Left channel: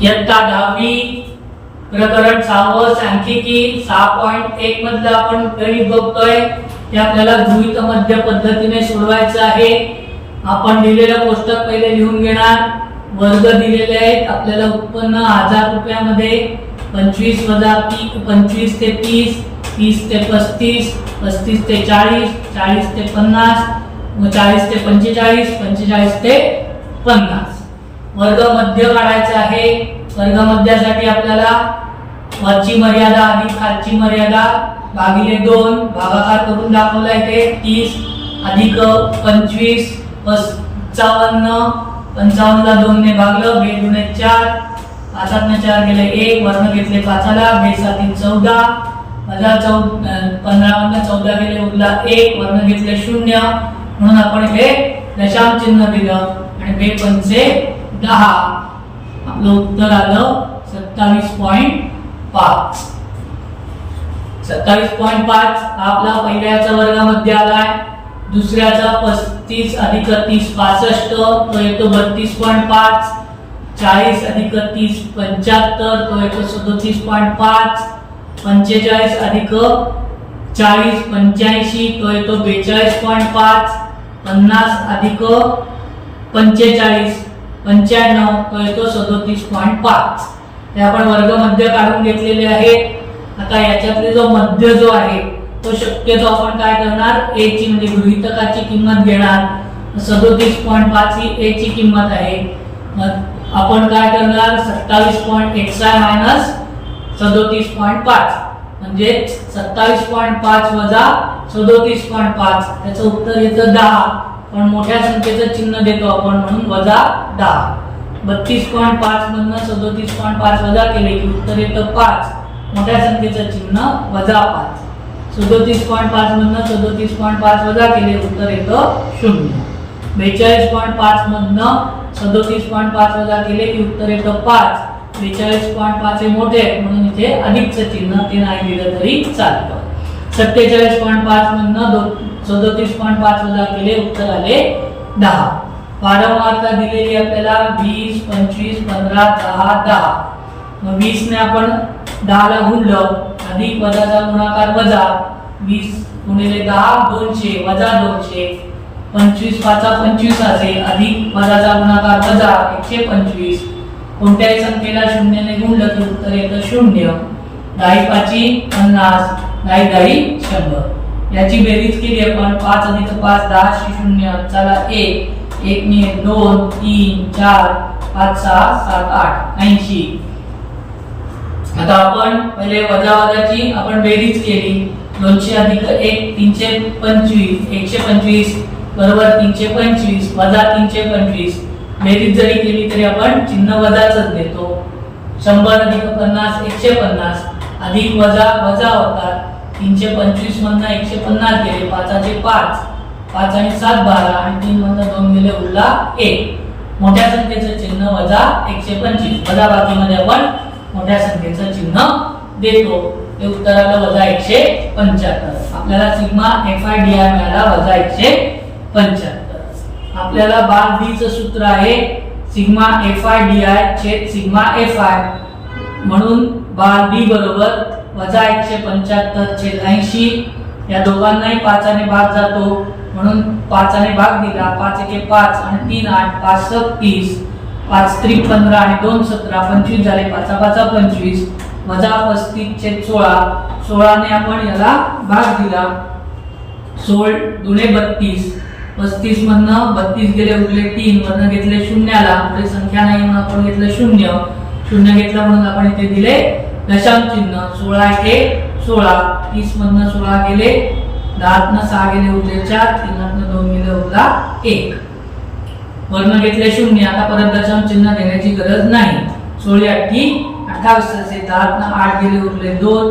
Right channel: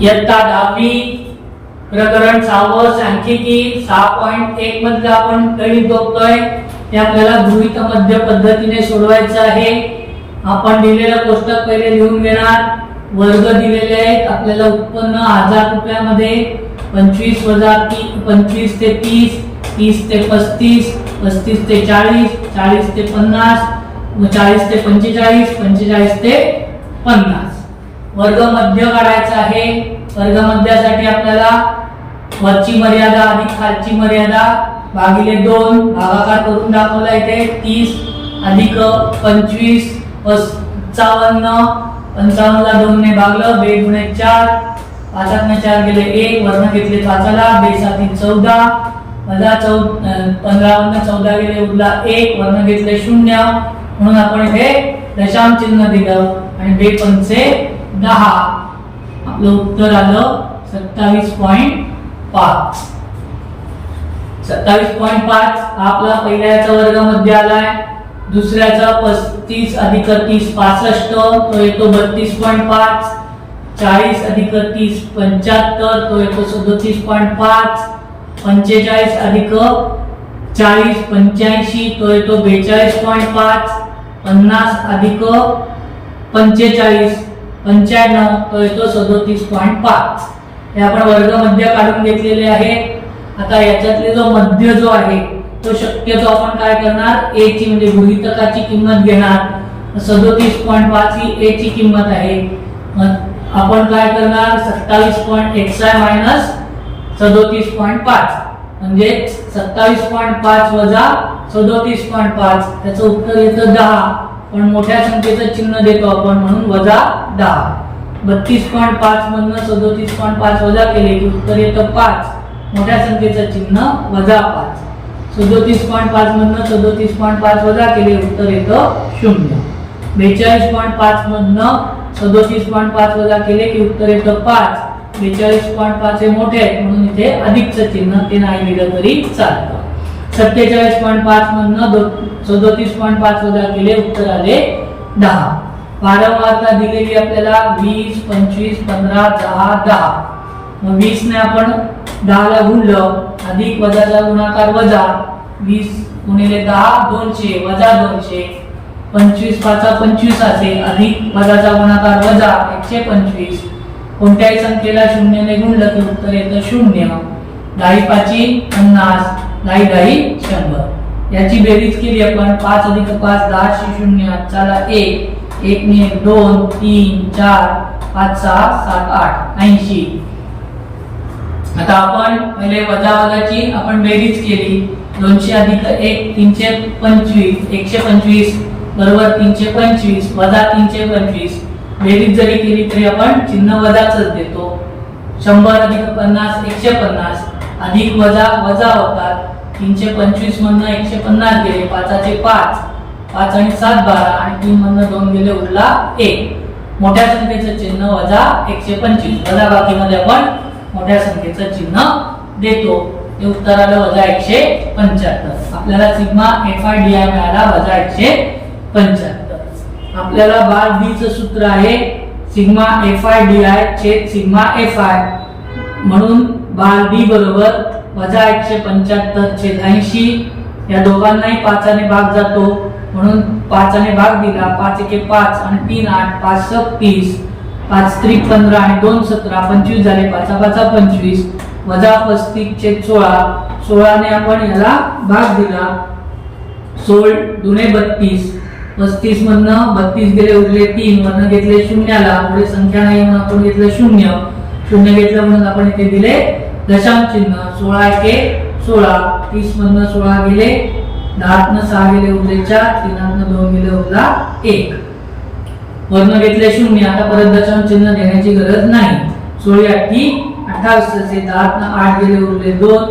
इयत्ता 10वी प्रकरण 6 सांख्यिकी 6.1 मध्ये आपण गणित बघतोय. ते आपल्याला गृहीत मध्य पद्धतीने सोडवायचं आहे. आपण दिलेलं कोष्टक पहिले लिहून घेणार. वर्ग दिलेले आहेत आपल्याला. उत्पन्न 1000 रुपयामध्ये 25 वजा 25 ते 30, 30 ते 35, 35 ते 40, 40 ते 50, 40 ते 45, 45 ते 50. वर्ग मध्य काढायचा आहे. वर्ग मध्यासाठी आपल्याला वरची मर्यादा आणि खालची मर्यादा भागिले 2 भागाकार करून दाखवला. इथे 30 अधिक 25 55, 55 ला 2 ने भागलं. 2 गुणे 4, 5 ने 4 गेले 1, वर्ण घेतले 5 ला, 2 साती 14 वजा 15 मधून 14 गेले उरला 1, वर्ण घेतले 0. म्हणून आपण हे दशांश चिन्ह दिलं आणि 2 पंचे 10. आपलं उत्तर आलं 27.5. 27.5 हा आपला पहिल्याचा वर्गामध्ये आलाय. दुसऱ्याचा 35 अधिक 30 65, तो येतो 32.5. 40 अधिक 30 75, तो येतो 37.5. 45 अधिक 40 85, तो येतो 42.5. 50 अधिक 45 95, तो येतो 37.5. हे आपण वर्ग मध्य काढून घेतलेले आहे. आता याच्यातले जो मध्य जो आहे तो शक्यतो आपण काय करणार, a ची म्हणजे गृहीतकाची किंमत घेणार. 37.5 ही a ची किंमत आहे. आपण काय करणार 27.1 मायनस 37.5 म्हणजे 27.5 वजा 37.5, त्याचं उत्तर येतं 10. पण मोठ्या संख्येचं चिन्ह देतो आपण म्हणून वजा 10. 32.5 मधनं 37.5 वजा केले की उत्तर येतं 5. मोठ्या संख्येचं चिन्ह वजा 5. 37.5 मधनं 37.5 वजा केले उत्तर येतं 0. 42.5 मधनं 37.5 वजा केले की उत्तर येतं 5. 42.5 हे मोठे आहे म्हणून इथे अधिकचं चिन्ह ते नाही दिलं तरी चालतं. 47.5 मधनं 37.5 वजा केले उत्तर आले 10. वारंवारता दिलेली आपल्याला 20 25 15 10 10. मग 20 ने आपण 10 ला गुणलं, अधिक वजाचा गुणाकार वजा 20 गुणिले 10 200 वजा 200. 25 5 25 असे, अधिक वजाचा गुणाकार वजा 125. कोणत्याही संख्येला 0 ने गुणलं तर उत्तर येतं 0. 10 5 50, 10 10 100. याची बेरीज केली आपण 5 अधिक 5 10 0. चला 1 1 ने 2 3 4 5 6 7 8 80. आता आपण पहिले वजा वजाची आपण बेरीज केली. 200 अधिक 1 325, 125 बरोबर 325 वजा 325. बेरीज जरी केली तरी आपण चिन्ह वजाचंच देतो. 100 अधिक 50 150, अधिक वजा वजा होतात. 325 मधनं 150 गेले, 5चे 5, 5 आणि 7 12 आणि 3 मधनं 2 गेले उरला 1. मोठ्या संख्येचं चिन्ह वजा 125. वजा बाकीमध्ये आपण मोठ्या संख्येचं चिन्ह देतो. हे उत्तर आलं वजा 175. आपल्याला सिग्मा FI DI मिळाला वजा 175. आपल्याला बार D चं सूत्र आहे सिग्मा FI DI छेद सिग्मा FI. म्हणून बार D बरोबर वजा 175 छेद 80. या दोघांनाही 5 ने भाग जातो म्हणून 5 ने भाग दिला. 5 1 5 आणि 3 8, 5 30, 5 3 15 आणि 2 17 25 झाले. 5 5 25 वजा 35 छेद 16. 16 ने आपण याला भाग दिला. 16 दुने 32. 35 मधनं 32 गेले उरले 3, वर्ण घेतले 0ला. पुढे संख्या नाही म्हणून आपण घेतलं 0. 0 घेतला म्हणून आपण इथे दिले दशांश चिन्ह. 16 1 16. 30 मधनं 16 गेले, 10 ने 6 गेले उरले 4, 3 ने 2 गेले उरला 1. वर्ण घेतले 0. आता परत दशांश चिन्ह देण्याची गरज नाही. 16 8 28 असे, 10 ने 8 गेले उरले 2,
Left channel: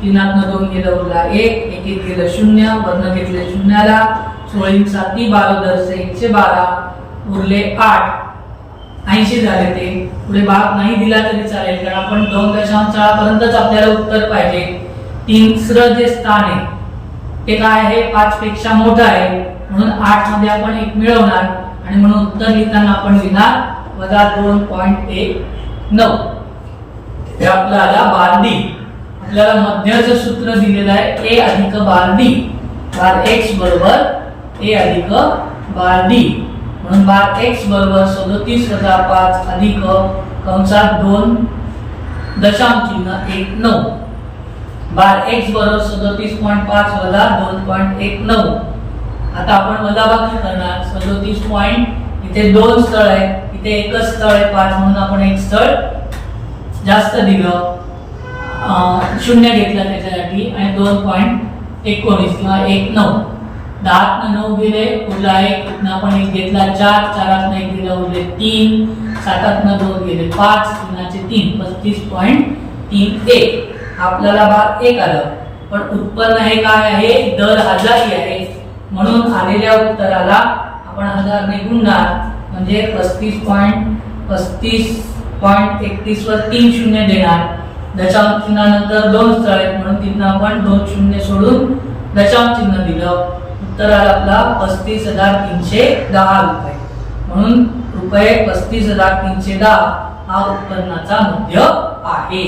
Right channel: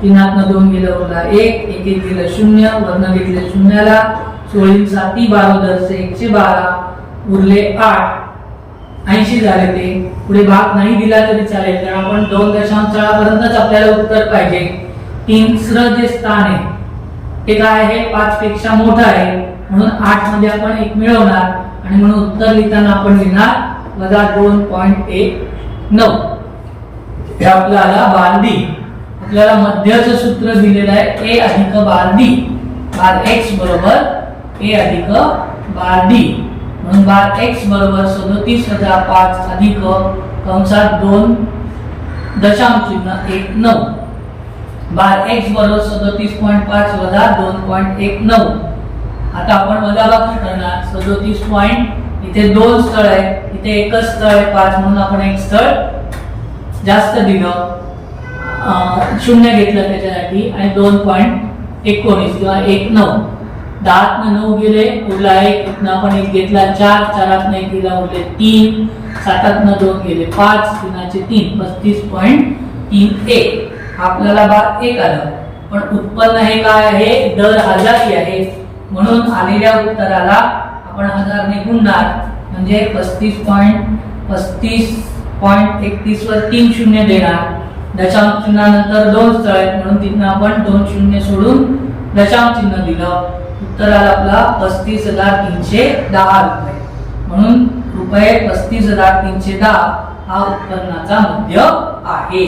3 ने 2 गेले उरला 1, 1 1 गेलं 0, वर्ण घेतले 0ला. 16 7 12 112 उरले 8. 80 झाले. ते पुढे भाग नाही दिला तरी चालेल कारण आपण 2.4 पर्यंतच आपल्याला उत्तर पाहिजे. तिसरं जे स्थान आहे ते काय आहे 5 पेक्षा मोठं आहे म्हणून 8 मध्ये आपण 1 मिळवणार आणि म्हणून उत्तर लिहिताना आपण लिहिणार वजा 2.1 9. हे आपल्याला बार डी. आपल्याला मध्याचं सूत्र दिलेलं आहे ए अधिक बार डी. बार एक्स बरोबर ए अधिक बार डी. म्हणून बार एक्स बरोबर 37,005 अधिक कंसात 2 दशांश चिन्ह 19. बार एक्स बरोबर 37.5 वजा 2.19. आता आपण वजाबाकी करणार. 37 पॉइंट इथे 2 स्थळ आहेत, इथे एकच स्थळ आहे 5, म्हणून आपण एक स्थळ जास्त दिलं, 0 घेतलं त्याच्यासाठी आणि 2.19 किंवा 19. 10 न 9 गेले, उरला 1, इथनं आपण 1 घेतला 4, 4 1 दिला उरले 3, 7 न 2 गेले 5, 3 3, 35.31. आपल्याला बार 1 आलं. पण उत्पन्न हे काय आहे? दर हजारी आहे. म्हणून आलेल्या उत्तराला आपण 1000 ने गुणणार, म्हणजे 35.31 वर 3 शून्य देणार. दशांश चिन्हानंतर 2 स्थळ आहेत, म्हणून तिथनं आपण 2 शून्य सोडून दशांश चिन्ह दिलं. उत्तर आलं आपला 35,310 रुपये. म्हणून रुपये 35,310 हा उत्पन्नाचा मध्य आहे.